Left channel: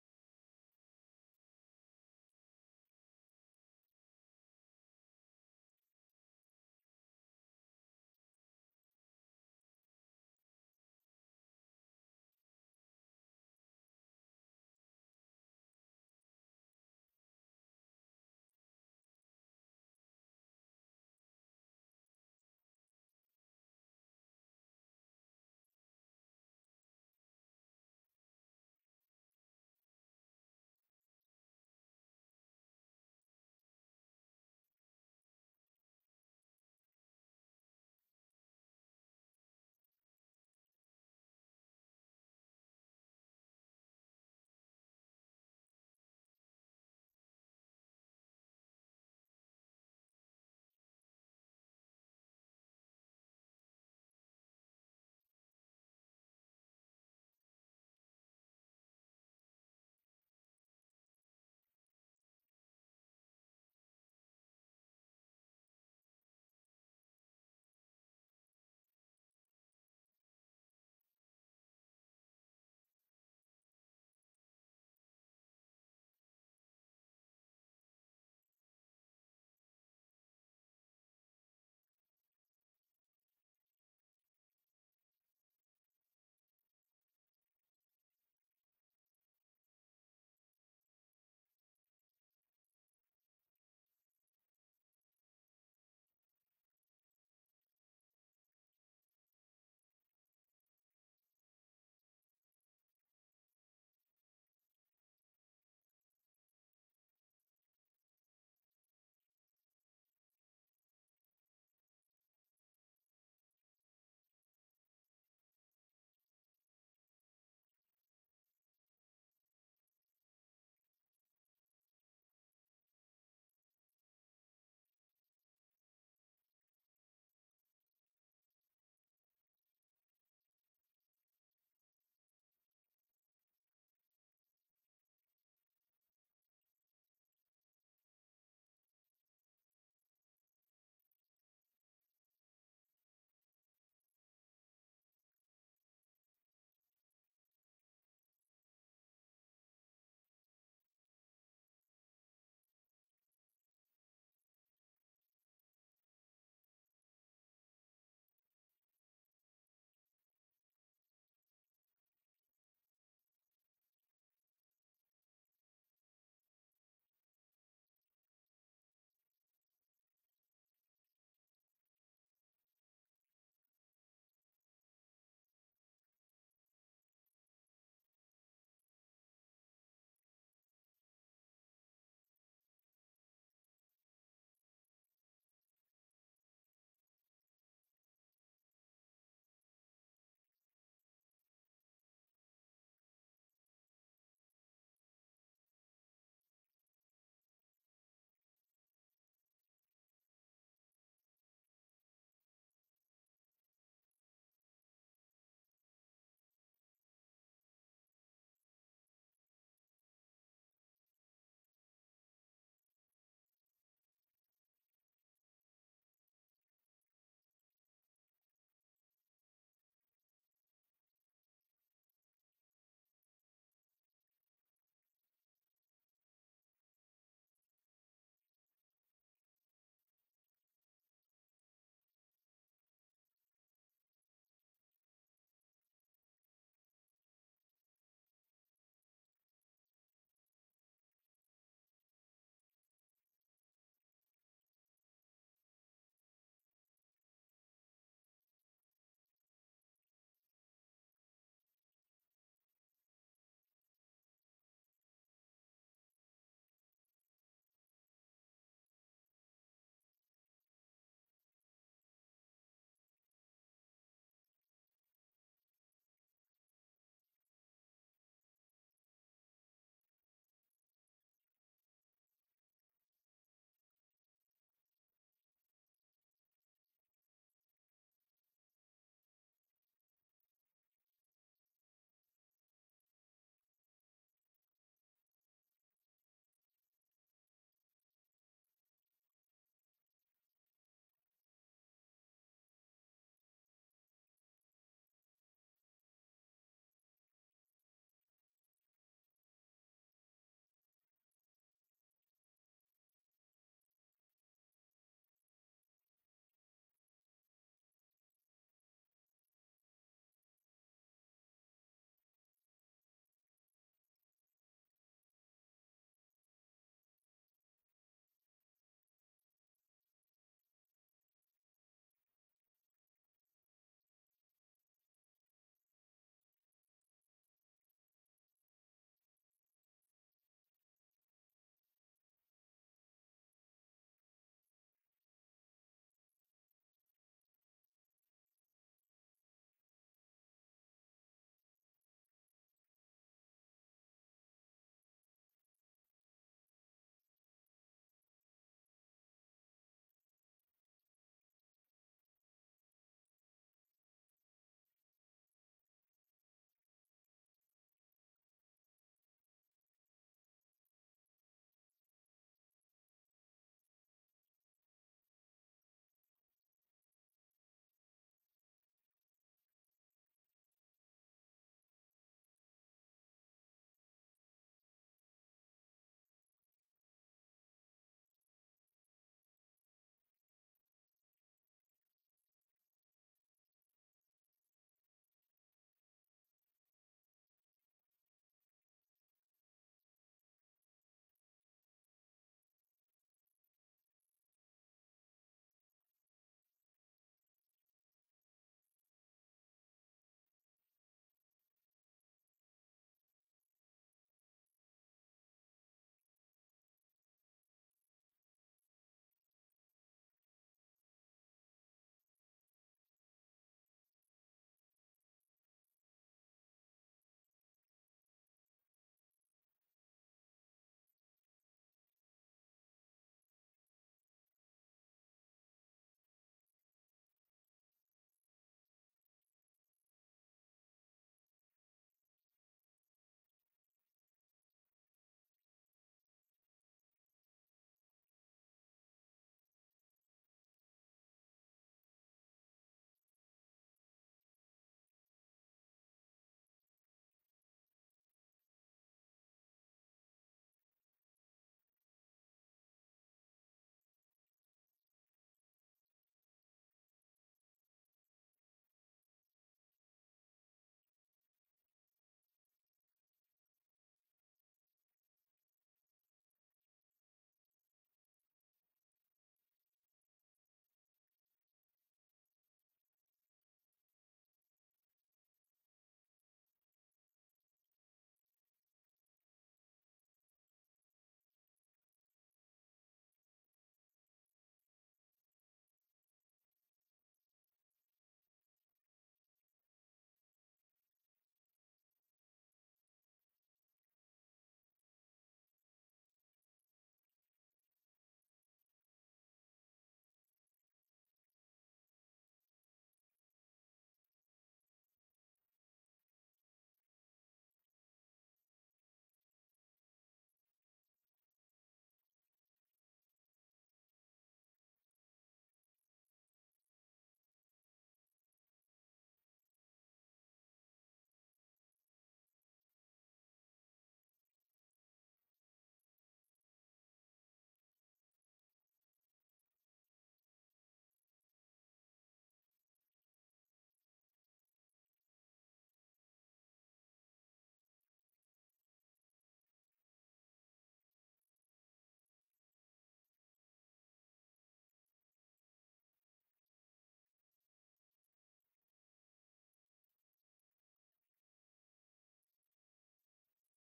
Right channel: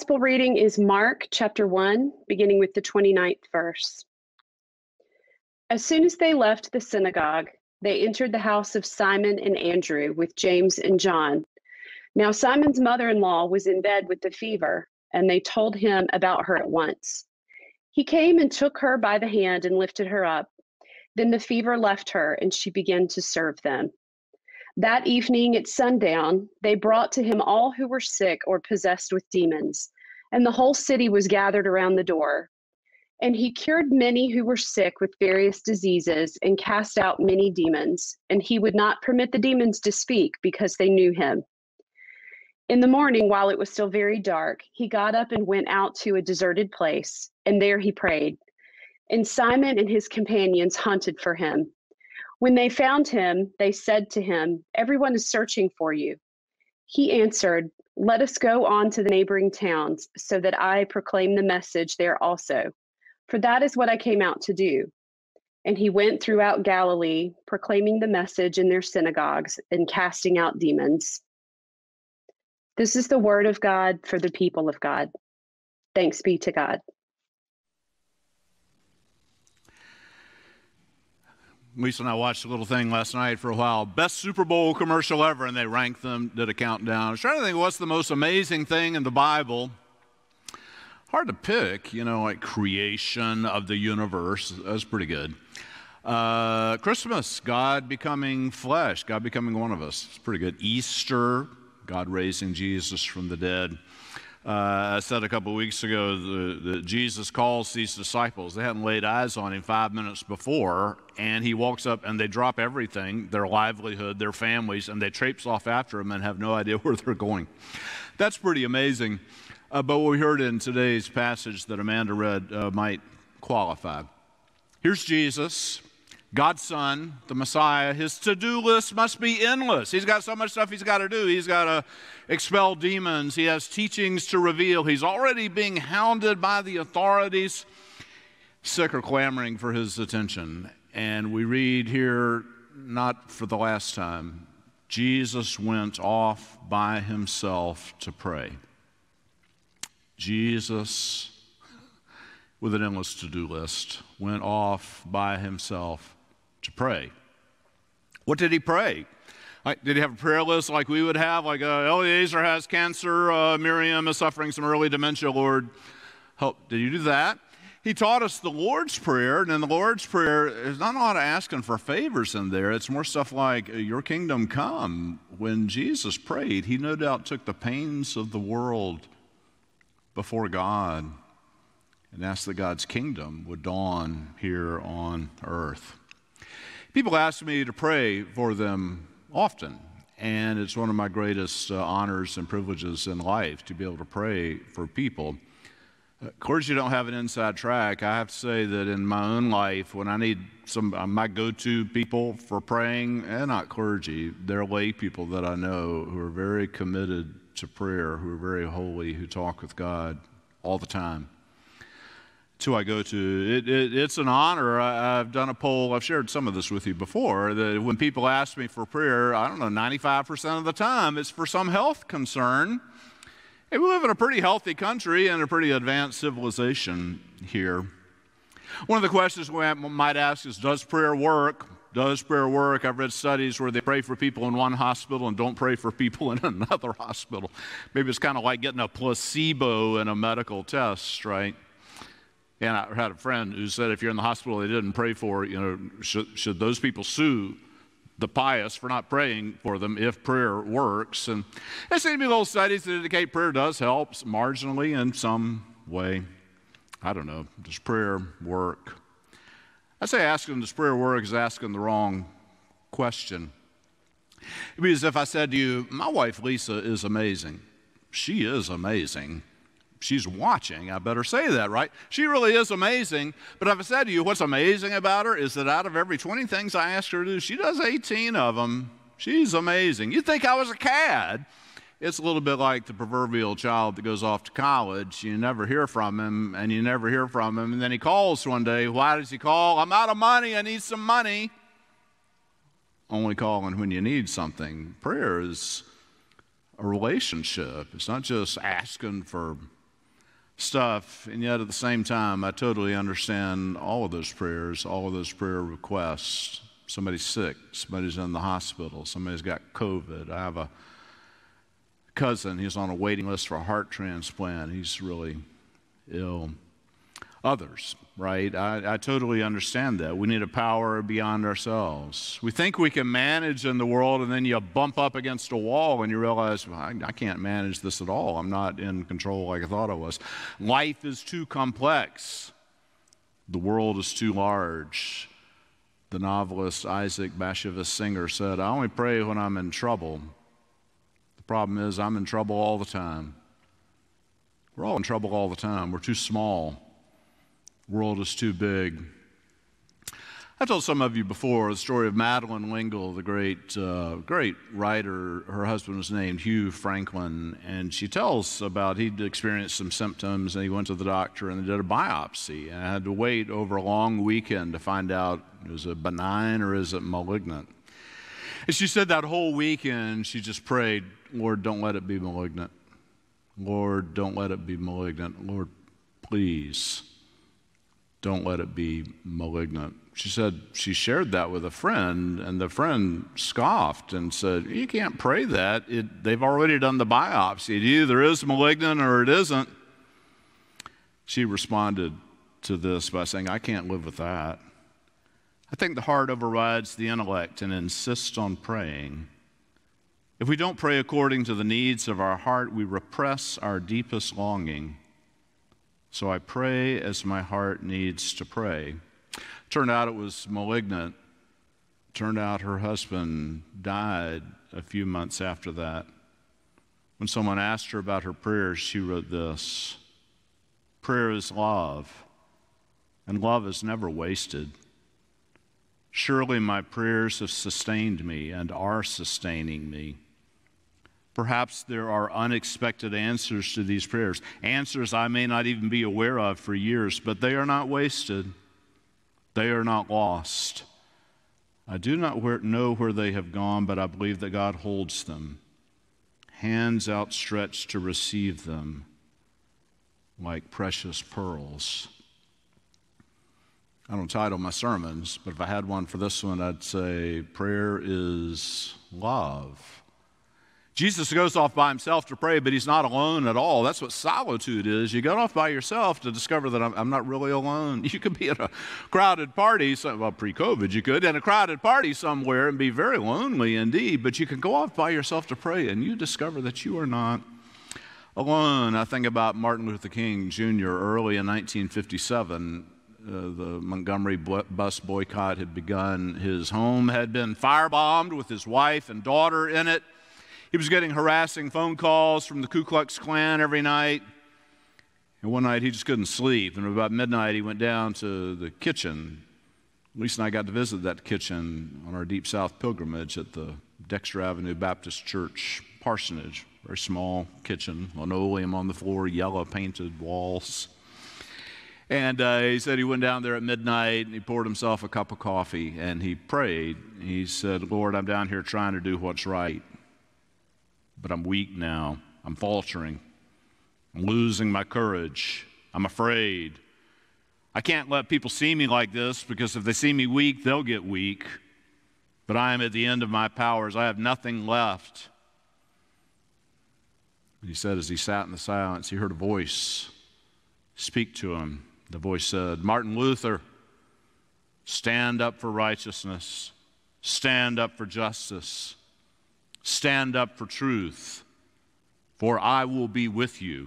gospel reading is Mark chapter 1, beginning with the 29th verse. As soon as they left the synagogue, they entered the house of Simon and Andrew with James and John. Now Simon's mother-in-law was in bed with a fever, and they told him about her at once. He came and took her by the hand and lifted her up. Then the fever left her, and she began to serve them. That evening at sundown, they brought to him all who were sick or possessed with demons, and the whole city was gathered around the door. And he cured many who were sick with various diseases and cast out many demons, and he would not permit the demons to speak because they knew him. In the morning, while it was still very dark, he got up and went out to a deserted place, and there he prayed. And Simon and his companions hunted for him. When they found him, they said to him, "Everyone is searching for you." He answered, "Let us go on to the neighboring towns, so that I proclaim the message there also. For that is what I came out to do." And he went throughout Galilee, proclaiming the message in their synagogues and casting out demons. This is the word of God for the people of God. Thanks be to God. Lisa and I watched a little thing last night for a while. Best Super Bowl commercial ever, and they ranked them, did a countdown. I was trying to think what's the most amazing thing in the Bible. Hard to pick, like creation of the universe. That's pretty good. Christmas, God becoming flesh, God becoming one of us. It's pretty good. Easter, God raising Jesus from the dead. I said a couple of weeks ago that Jesus calls these disciples. They hadn't laid eyes on him 5 minutes before, and he walks up and they drop everything, their livelihood, their families, and they traipse off after him and have no idea where they're going. That's pretty amazing. But what we heard in today's passage that Amanda read might qualify. Here's Jesus, God's Son, the Messiah. His to-do list must be endless. He's got so much stuff he's got to do. He's got to expel demons. He has teachings to reveal. He's already being hounded by the authorities. Sick are clamoring for his attention. And we read here, not for the last time, Jesus went off by himself to pray. Jesus, with an endless to-do list, went off by himself to pray. What did he pray? Did he have a prayer list like we would have? Like Eliezer has cancer, Miriam is suffering some early dementia, Lord, help. Did he do that? He taught us the Lord's Prayer, and in the Lord's Prayer, there's not a lot of asking for favors in there. It's more stuff like, your kingdom come. When Jesus prayed, he no doubt took the pains of the world before God and asked that God's kingdom would dawn here on earth. People ask me to pray for them often, and it's one of my greatest honors and privileges in life to be able to pray for people. Clergy don't have an inside track. I have to say that in my own life, when I need my go-to people for praying, and not clergy, they're lay people that I know who are very committed to prayer, who are very holy, who talk with God all the time. It's who I go to. It's an honor. I've done a poll. I've shared some of this with you before, that when people ask me for prayer, 95% of the time, it's for some health concern. Hey, we live in a pretty healthy country and a pretty advanced civilization here. One of the questions we might ask is, does prayer work? Does prayer work? I've read studies where they pray for people in one hospital and don't pray for people in another hospital. Maybe it's kind of like getting a placebo in a medical test, right? And I had a friend who said if you're in the hospital they didn't pray for, should those people sue the pious for not praying for them if prayer works? And there seem to be little studies that indicate prayer does help marginally in some way. I don't know. Does prayer work? I say asking does prayer work is asking the wrong question. It'd be as if I said to you, my wife Lisa is amazing. She is amazing. She's watching, I better say that, right? She really is amazing. But if I said to you, what's amazing about her is that out of every 20 things I ask her to do, she does 18 of them. She's amazing. You'd think I was a cad. It's a little bit like the proverbial child that goes off to college. You never hear from him, and you never hear from him. And then he calls one day. Why does he call? I'm out of money. I need some money. Only calling when you need something. Prayer is a relationship. It's not just asking for stuff, and yet at the same time, I totally understand all of those prayers, all of those prayer requests. Somebody's sick, somebody's in the hospital, somebody's got COVID. I have a cousin, he's on a waiting list for a heart transplant. He's really ill. Others, right? I totally understand that. We need a power beyond ourselves. We think we can manage in the world, and then you bump up against a wall and you realize, well, I can't manage this at all. I'm not in control like I thought I was. Life is too complex. The world is too large. The novelist Isaac Bashevis Singer said, I only pray when I'm in trouble. The problem is I'm in trouble all the time. We're all in trouble all the time. We're too small. The world is too big. I told some of you before the story of Madeleine L'Engle, the great writer. Her husband was named Hugh Franklin, and she tells about he'd experienced some symptoms, and he went to the doctor, and they did a biopsy, and had to wait over a long weekend to find out, is it benign or is it malignant? And she said that whole weekend she just prayed, Lord, don't let it be malignant. Lord, don't let it be malignant. Lord, please, don't let it be malignant. She said she shared that with a friend, and the friend scoffed and said, you can't pray that. They've already done the biopsy. It either is malignant or it isn't. She responded to this by saying, I can't live with that. I think the heart overrides the intellect and insists on praying. If we don't pray according to the needs of our heart, we repress our deepest longing. So I pray as my heart needs to pray. Turned out it was malignant. Turned out her husband died a few months after that. When someone asked her about her prayers, she wrote this: prayer is love, and love is never wasted. Surely my prayers have sustained me and are sustaining me. Perhaps there are unexpected answers to these prayers, answers I may not even be aware of for years, but they are not wasted. They are not lost. I do not know where they have gone, but I believe that God holds them, hands outstretched to receive them like precious pearls. I don't title my sermons, but if I had one for this one, I'd say prayer is love. Jesus goes off by himself to pray, but he's not alone at all. That's what solitude is. You go off by yourself to discover that I'm not really alone. You could be at a crowded party, well, pre-COVID you could, in a crowded party somewhere and be very lonely indeed, but you can go off by yourself to pray and you discover that you are not alone. I think about Martin Luther King Jr. early in 1957. The Montgomery bus boycott had begun. His home had been firebombed with his wife and daughter in it. He was getting harassing phone calls from the Ku Klux Klan every night. And one night he just couldn't sleep. And about midnight he went down to the kitchen. Lisa and I got to visit that kitchen on our Deep South pilgrimage at the Dexter Avenue Baptist Church parsonage. Very small kitchen, linoleum on the floor, yellow painted walls. And he said he went down there at midnight and he poured himself a cup of coffee and he prayed. He said, Lord, I'm down here trying to do what's right, but I'm weak now. I'm faltering. I'm losing my courage. I'm afraid. I can't let people see me like this because if they see me weak, they'll get weak. But I am at the end of my powers. I have nothing left. He said as he sat in the silence, he heard a voice speak to him. The voice said, Martin Luther, stand up for righteousness. Stand up for justice. Stand up for truth, for I will be with you.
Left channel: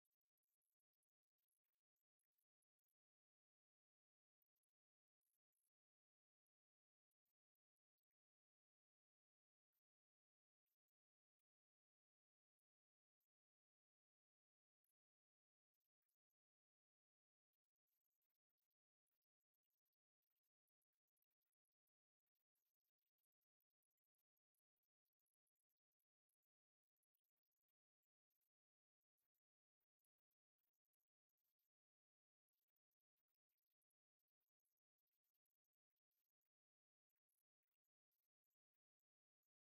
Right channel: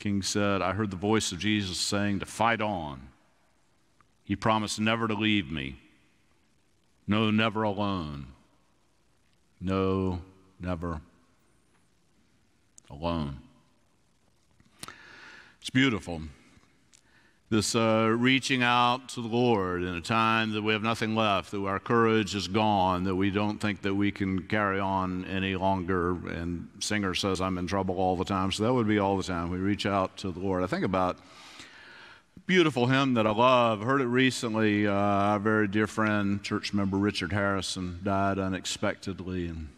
King said, I heard the voice of Jesus saying to fight on. He promised never to leave me. No, never alone. No, never alone. It's beautiful. This reaching out to the Lord in a time that we have nothing left, that our courage is gone, that we don't think that we can carry on any longer. And Singer says, I'm in trouble all the time. So that would be all the time. We reach out to the Lord. I think about a beautiful hymn that I love. I heard it recently. Our very dear friend, church member Richard Harrison, died unexpectedly. And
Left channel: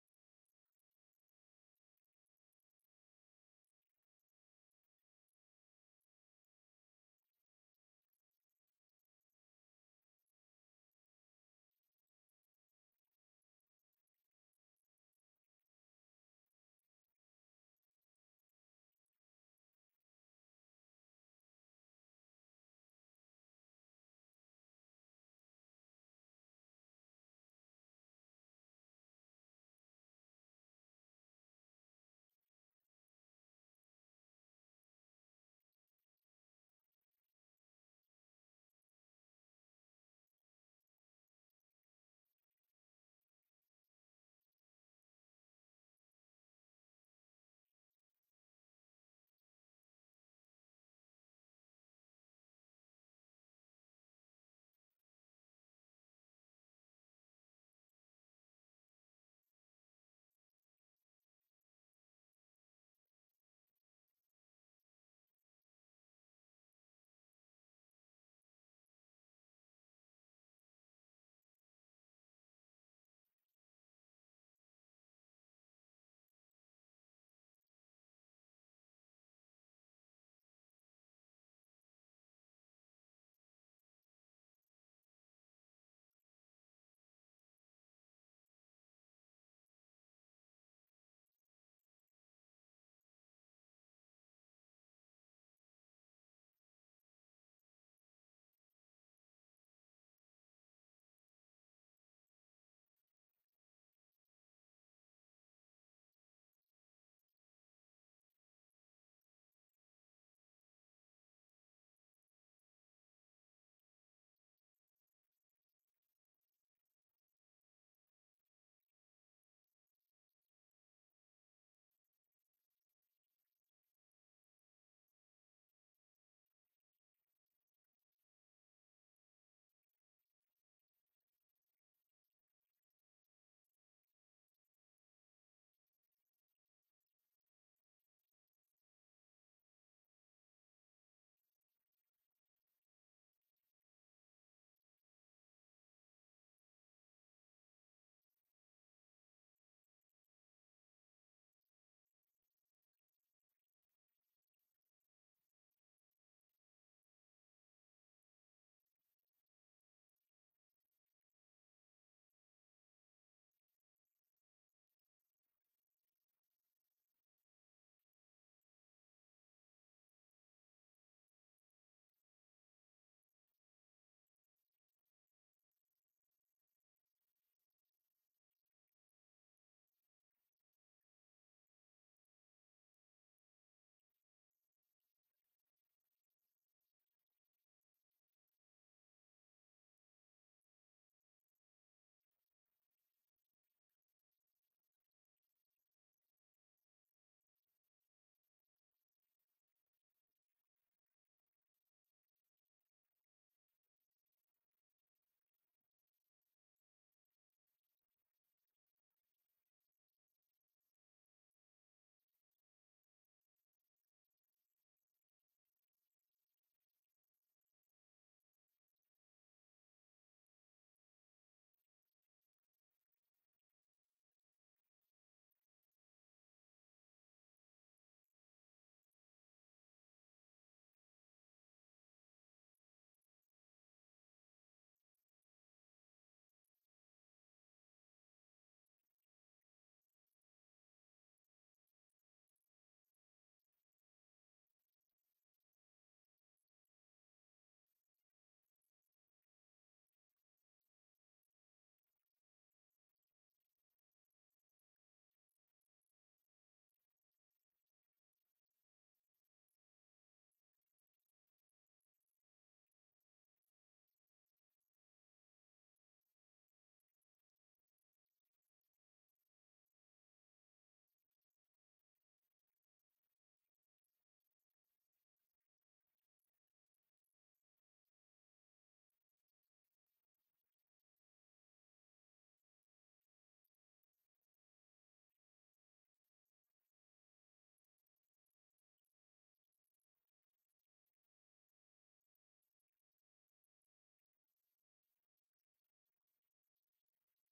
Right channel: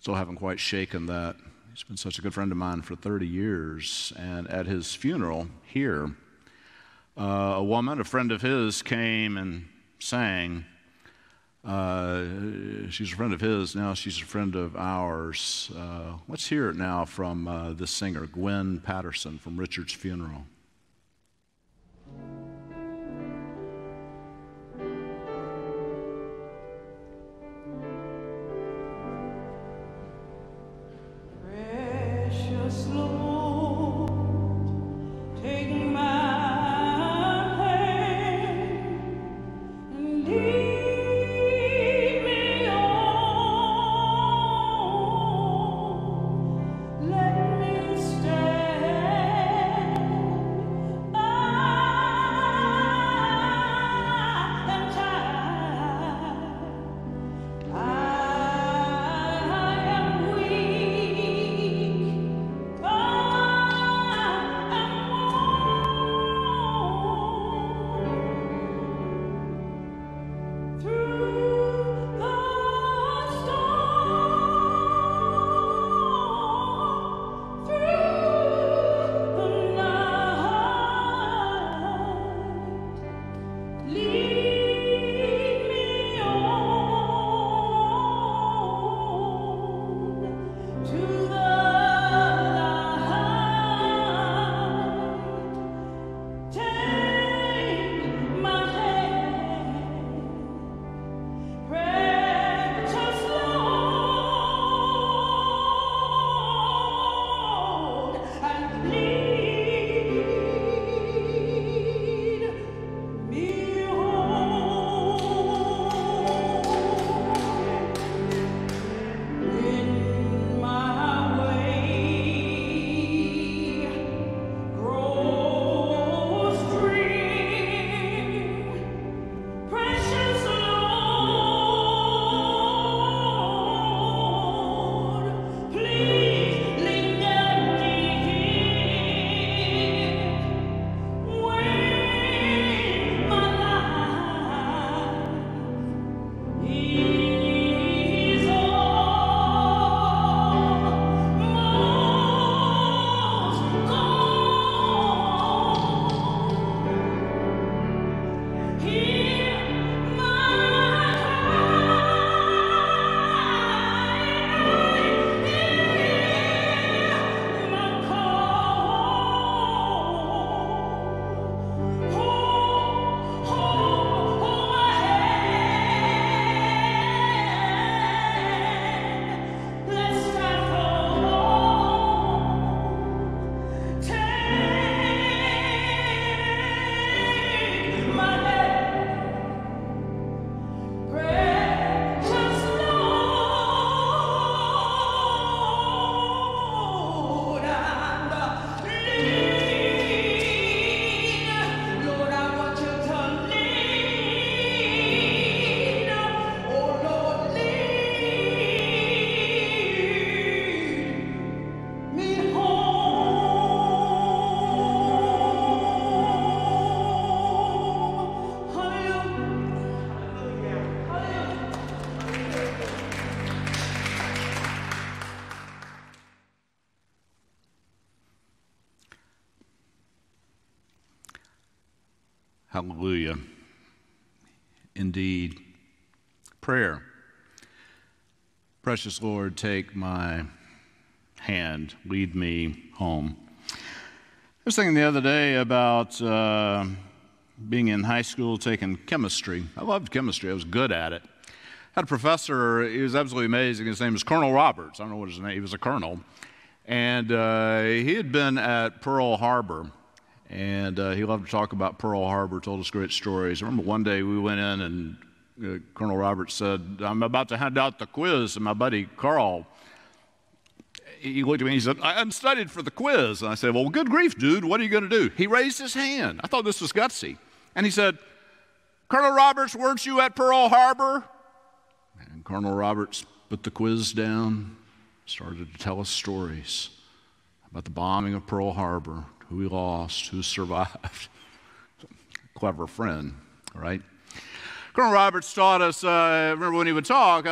still haven't quite shaken that. He's been such a good friend of mine for 30 years. And at his funeral here, a woman, a friend of his, came and sang. She's a friend of his, now she's a friend of ours. Let's hear it now from this singer, Gwen Patterson, from Richard's funeral. Hallelujah. Indeed. Prayer. Precious Lord, take my hand, lead me home. I was thinking the other day about being in high school taking chemistry. I loved chemistry. I was good at it. I had a professor, he was absolutely amazing. His name was Colonel Roberts. I don't know what his name, he was a colonel. And he had been at Pearl Harbor. And he loved to talk about Pearl Harbor, told us great stories. I remember one day we went in and Colonel Roberts said, I'm about to hand out the quiz. And my buddy Carl, he looked at me and he said, I hadn't studied for the quiz. And I said, well, good grief, dude, what are you going to do? He raised his hand. I thought this was gutsy. And he said, Colonel Roberts, weren't you at Pearl Harbor? And Colonel Roberts put the quiz down, started to tell us stories about the bombing of Pearl Harbor, who we lost, who survived. Clever friend, right? Colonel Roberts taught us, remember when he would talk,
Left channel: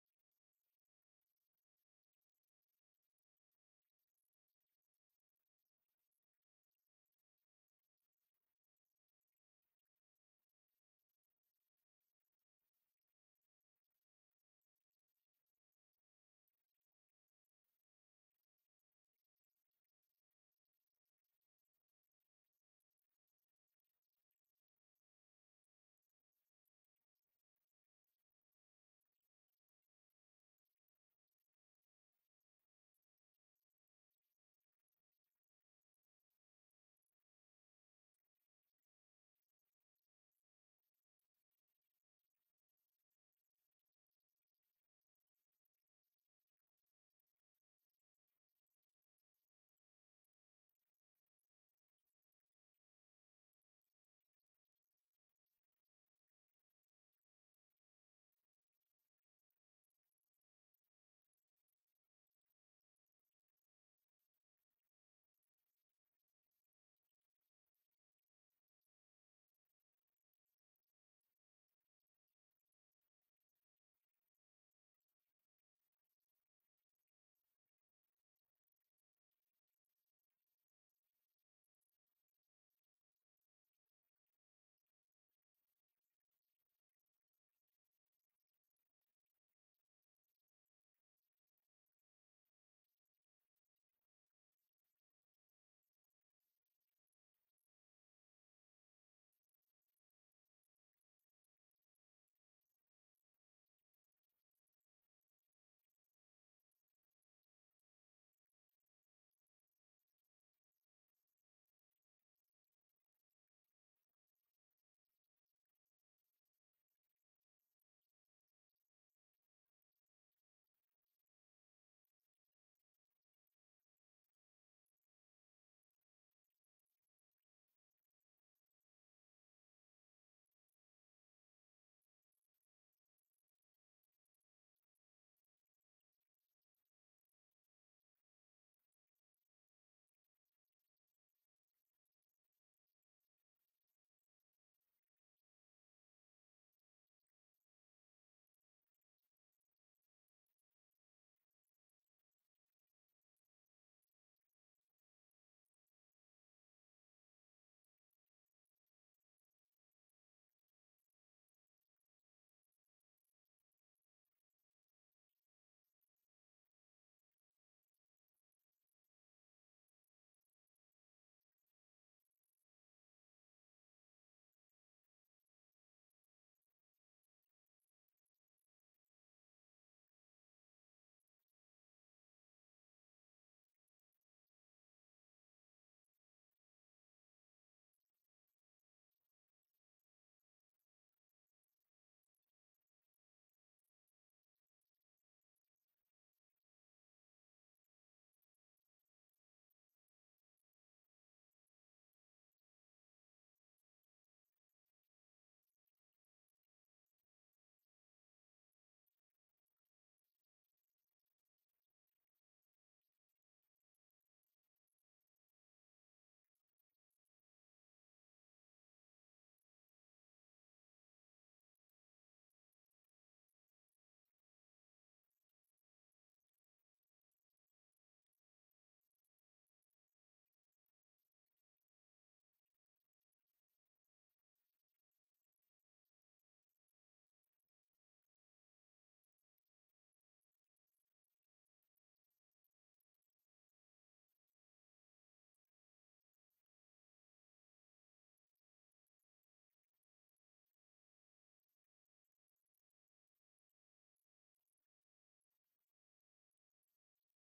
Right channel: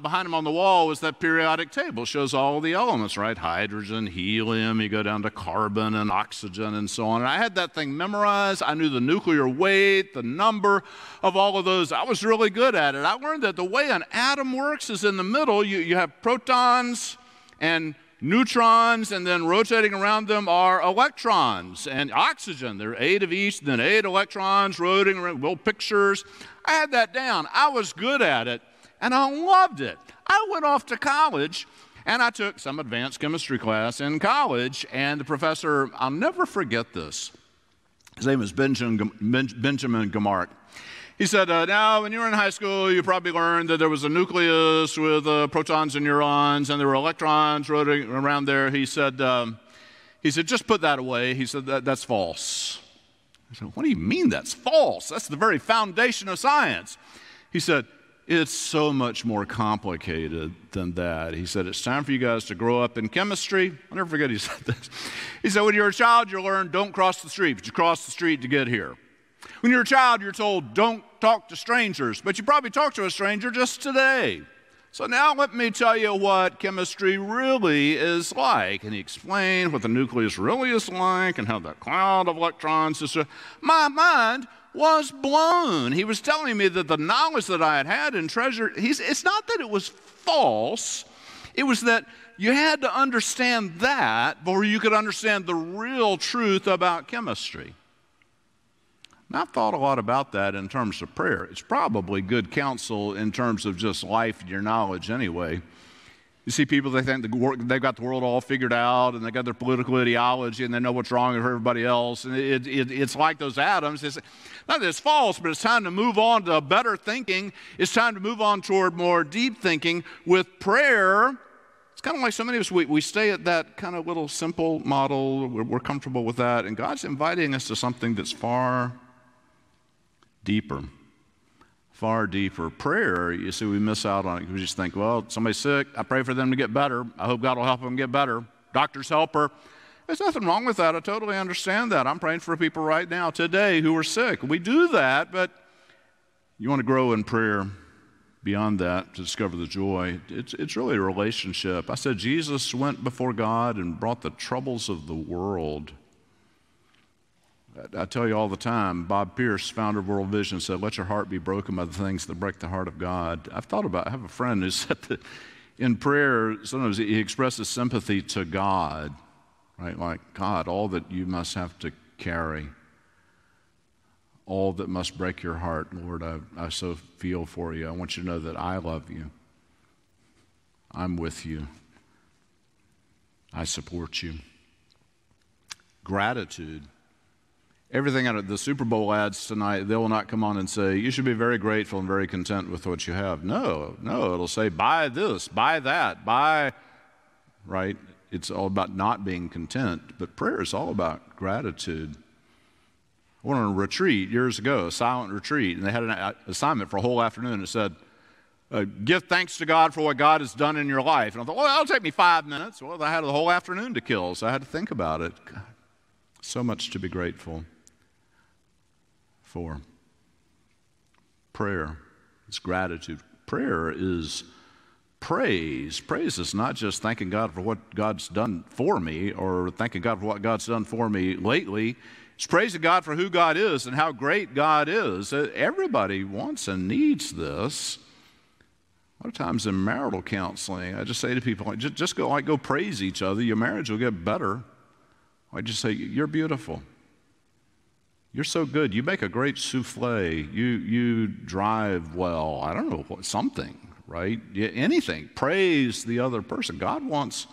behind him on the wall was that periodic table. It shows all the elements, right? Hydrogen, helium, you go down to carbon and oxygen and so on. And I had that thing memorized. I knew the nuclear weight, the number of all of those. I was really good at it. I learned that the way an atom works is in the middle. You have protons and neutrons, and then rotating around them are electrons and oxygen. There are 8 of each, then 8 electrons rotating around, little pictures. I had that down. I was good at it, and I loved it. I went off to college, and I took some advanced chemistry class in college, and the professor, I'll never forget this. His name was Benjamin Gamark. He said, now, when you were in high school, you probably learned that there was a nucleus with protons and neurons, and there were electrons rotating around there. He said, just put that away. He said, that's false. I said, what do you mean that's false? That's the very foundation of science. He said, it's so much more complicated than that. He said, it's time for you guys to grow up in chemistry. I'll never forget he said this. He said, when you're a child, you learn don't cross the street, but you cross the street to get here. When you're a child, you're told, don't talk to strangers, but you probably talked to a stranger just today. So now let me tell you what chemistry really is like. And he explained what the nucleus really is like and how that cloud of electrons is. My mind was blown. He was telling me that the knowledge that I had and treasured, it's not that it was false. It was that you had to understand that before you could understand the real truth about chemistry. And I've thought a lot about that in terms of prayer. It's probably good counsel in terms of just life and your knowledge anyway. You see people, they think they've got the world all figured out, and they got their political ideology, and they know what's wrong with everybody else. And it's like those atoms. It's not that it's false, but it's time to move on to better thinking. It's time to move on toward more deep thinking. With prayer, it's kind of like so many of us, we stay at that kind of little simple model. We're comfortable with that. And God's inviting us to something that's far deeper. Far deeper. Prayer, you see, we miss out on it. We just think, well, somebody's sick. I pray for them to get better. I hope God will help them get better. Doctor's helper. There's nothing wrong with that. I totally understand that. I'm praying for people right now today who are sick. We do that, but you want to grow in prayer beyond that to discover the joy. It's really a relationship. I said Jesus went before God and brought the troubles of the world. I tell you all the time, Bob Pierce, founder of World Vision, said, let your heart be broken by the things that break the heart of God. I have a friend who said that in prayer, sometimes he expresses sympathy to God, right? Like, God, all that you must have to carry, all that must break your heart, Lord, I so feel for you. I want you to know that I love you. I'm with you. I support you. Gratitude. Everything out of the Super Bowl ads tonight, they will not come on and say, you should be very grateful and very content with what you have. No, it'll say, buy this, buy that, buy, right? It's all about not being content, but prayer is all about gratitude. I went on a retreat years ago, a silent retreat, and they had an assignment for a whole afternoon. It said, give thanks to God for what God has done in your life. And I thought, well, that'll take me 5 minutes. Well, I had the whole afternoon to kill, so I had to think about it. God, so much to be grateful for. Prayer is gratitude. Prayer is praise. Praise is not just thanking God for what God's done for me or thanking God for what God's done for me lately. It's praising God for who God is and how great God is. Everybody wants and needs this. A lot of times in marital counseling, I just say to people, just go praise each other. Your marriage will get better. I just say, you're beautiful. You're so good. You make a great souffle. You drive well. I don't know, something, right? Anything. Praise the other person. God wants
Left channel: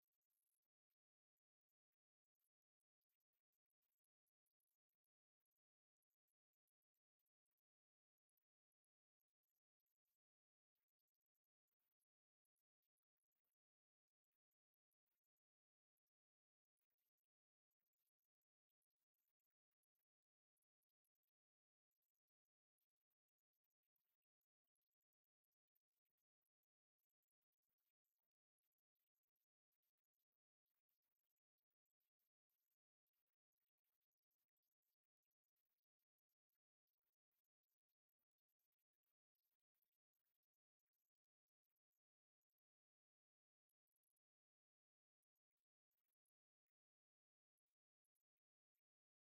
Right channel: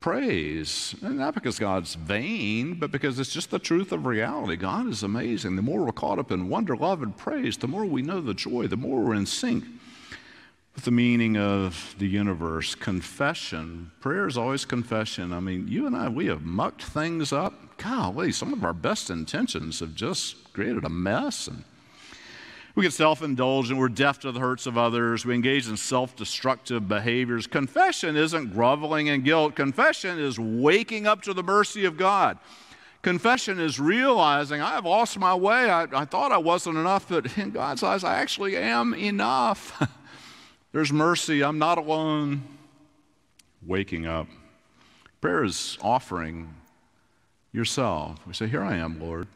praise. And not because God's vain, but because it's just the truth of reality. God is amazing. The more we're caught up in wonder, love, and praise, the more we know the joy, the more we're in sync with the meaning of the universe. Confession. Prayer is always confession. I mean, you and I, we have mucked things up. Golly, some of our best intentions have just created a mess. And we get self-indulgent. We're deaf to the hurts of others. We engage in self-destructive behaviors. Confession isn't groveling in guilt. Confession is waking up to the mercy of God. Confession is realizing I have lost my way. I thought I wasn't enough, but in God's eyes, I actually am enough. There's mercy. I'm not alone. Waking up. Prayer is offering yourself. We say, here I am, Lord.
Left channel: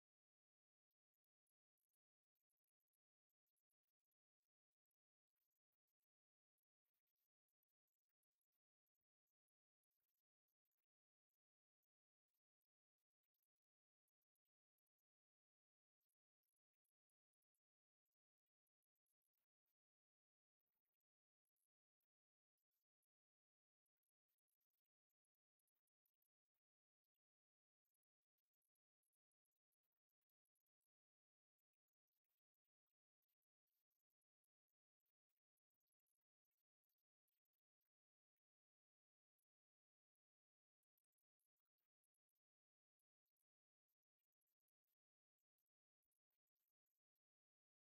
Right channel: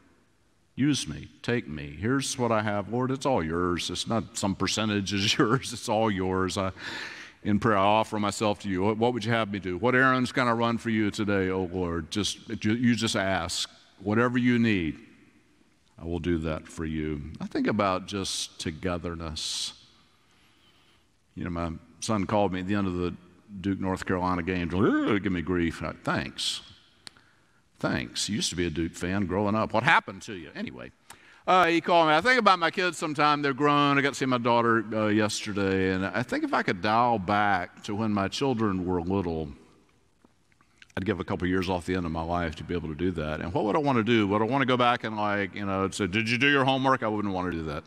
Use me. Take me. Here's what I have, Lord. It's all yours. It's not some percentage is yours. It's all yours. In prayer, I offer myself to you. What would you have me do? What errands can I run for you today, oh Lord? You just ask. Whatever you need, I will do that for you. I think about just togetherness. You know, my son called me at the end of the Duke, North Carolina game. Give me grief. Thanks. Thanks. You used to be a Duke fan growing up. What happened to you? Anyway, he called me. I think about my kids sometime. They're grown. I got to see my daughter yesterday. And I think if I could dial back to when my children were little, I'd give a couple years off the end of my life to be able to do that. And what would I want to do? Would I want to go back and say, did you do your homework? I wouldn't want to do that.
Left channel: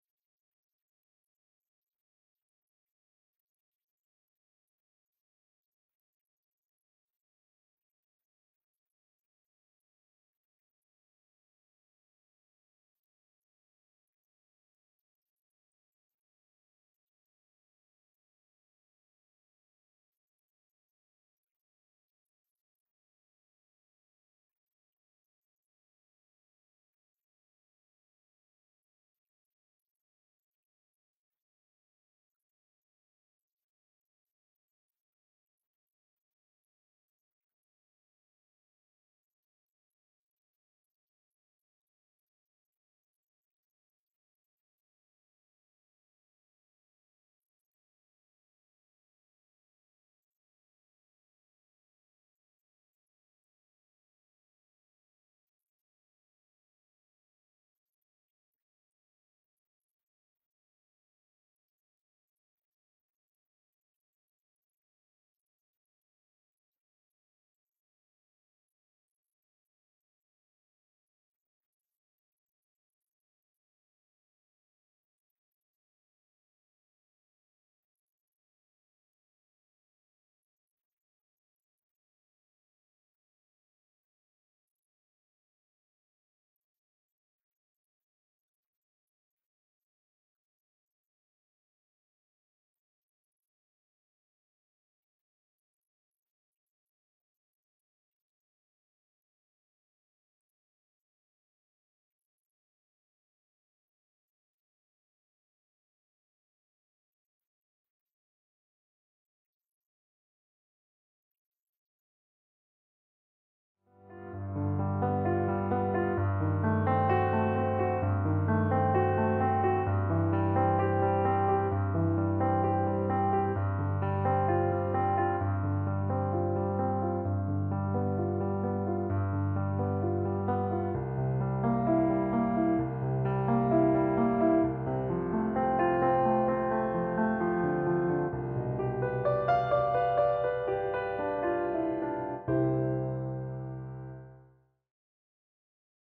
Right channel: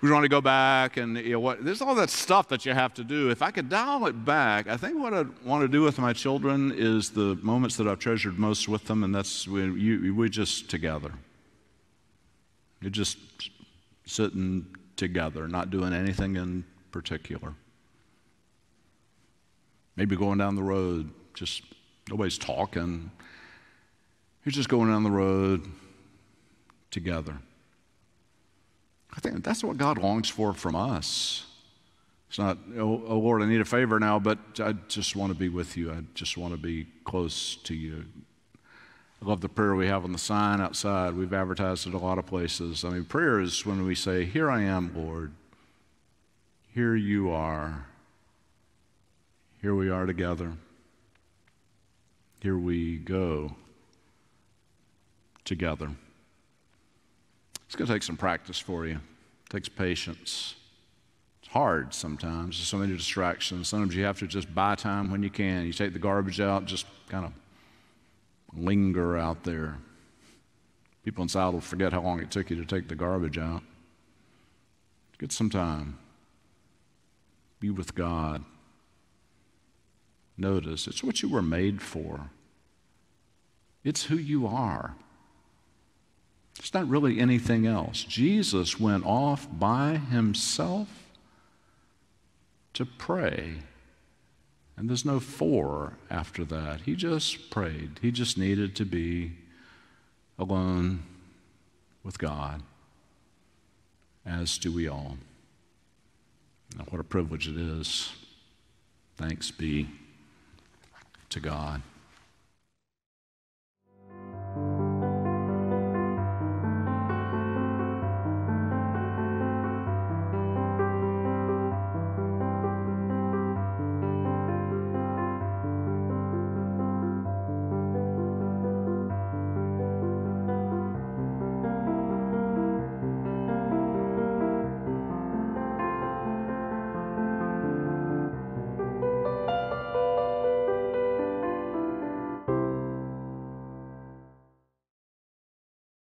We want to go back and, there's all that stuff that you have to do. If I could dial it back, I think what I'd want to do with my children is the moments that I've treasured most with them, and that's when we just together. You're just sitting together, not doing anything in particular. Maybe going down the road, just nobody's talking. You're just going down the road together. I think that's what God longs for from us. It's not, oh Lord, I need a favor now, but I just want to be with you. I just want to be close to you. I love the prayer we have on the sign outside. We've advertised it a lot of places. I mean, prayer is when we say, here I am, Lord. Here you are. Here we are together. Here we go together. It's going to take some practice for you. It takes patience. It's hard sometimes. There's so many distractions. Sometimes you have to just buy time when you can. You take the garbage out, just kind of linger out there. People inside will forget how long it took you to take the garbage out. Get some time. Be with God. Notice, it's what you were made for. It's who you are. It's not really anything else. Jesus went off by himself to pray. And there's no for after that. He just prayed. He just needed to be alone with God, as do we all. Now, what a privilege it is. Thanks be to God.